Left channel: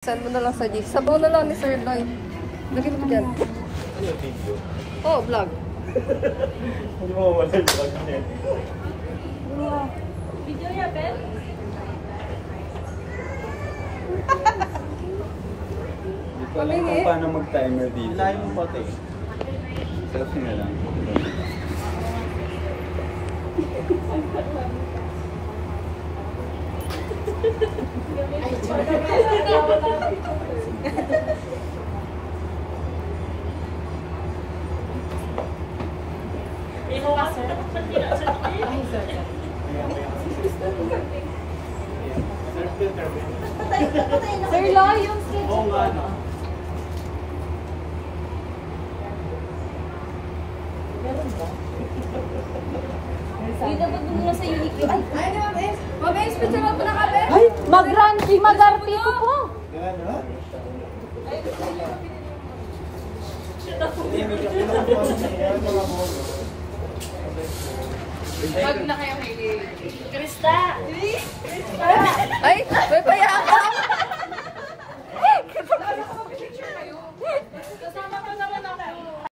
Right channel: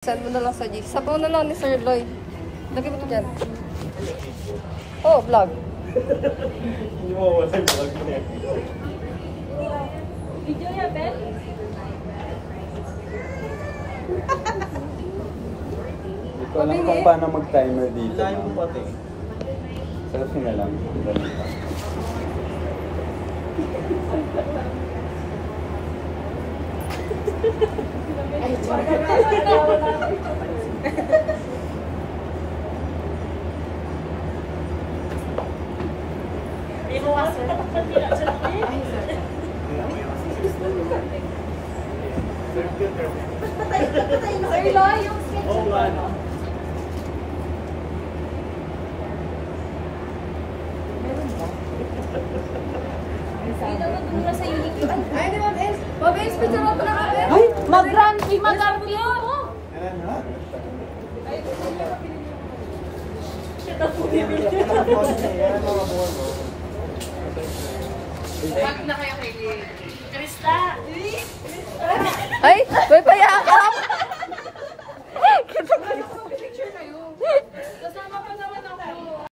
Saan mo na lang sa G. Sabaw na lang ni Sir Lloyd. Lagi mo ito dyan. Oh, vlog. Hindi mo wala yung vlog na yan. Video niya, Ben? Dito lang kung paano mag-timer dito. Ilahin mo pati. Selfie na lang. Ganun pa. Ito ba, sir? Ay, sir. Sir Lo, yung stage ba? Meron ba? Dito ba muna sa inik yun? Ay, di ba, Bes? Mabes, picture mo pala ka, Bes? Ay, mag-ranty, mag-arty ko po. Yan, ha? Wag na kayo kay Krista. Ay, may payakan!